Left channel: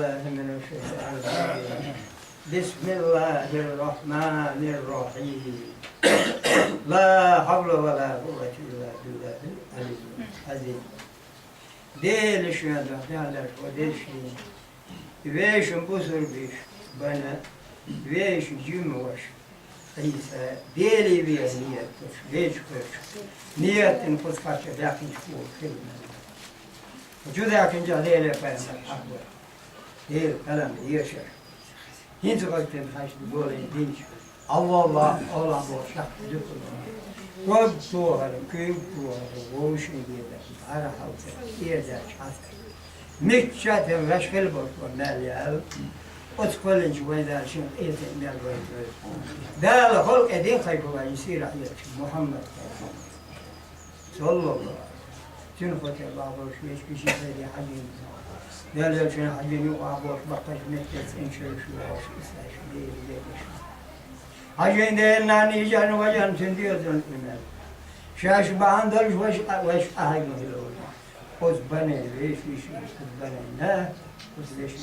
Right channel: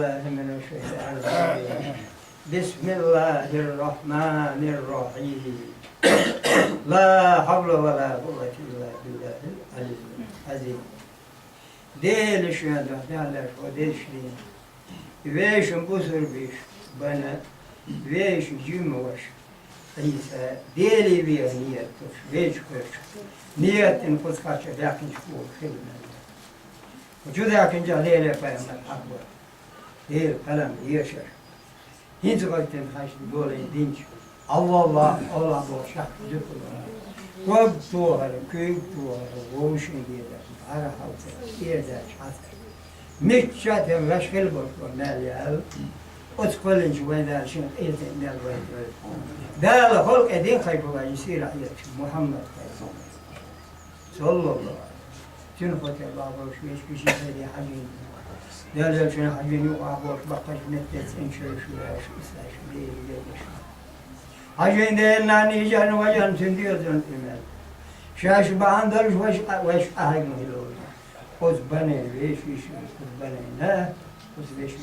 بالله من الشيطان الرجيم بسم الله الرحمن الرحيم لا حول ولا قوة إلا بالله العلي العظيم Değil şu anda, derler o değil şey. Veşim bu sorbiş bana, veş cümle var. İsa deli bir niyet var, veş koş. Niyetin kutkaçı yakın çıkıyor, filmler. Vücuda yakınca değil yapayım aklı. Değil, kalam, yaşar. Hiç vaktim kaçtı böyle dinç. Allah bu şahsı kullanıyor. Kob tuğarı, köy tuğarı, oğuşun gider, ara haltı, yerde çatır. Mikçatın veşkil boşu melyal, utkulun cüveyder şun etin melveydir. Dâl halk edin kaybıla yisir ayetçi Muhammed sallallahu aleyhi ve sellem. Tün hotel bağboş, beş kişi seydi hacin. Dâl şun hacin yok ağboş, bakkaş metletsin şöyle ıslah, değil. Hacin değerlerini icanı vacan tündüyorsun imel. Şaş bağındırış veş ahagın hilo. Oz bana veş, kız bana ne? Oz veş mi?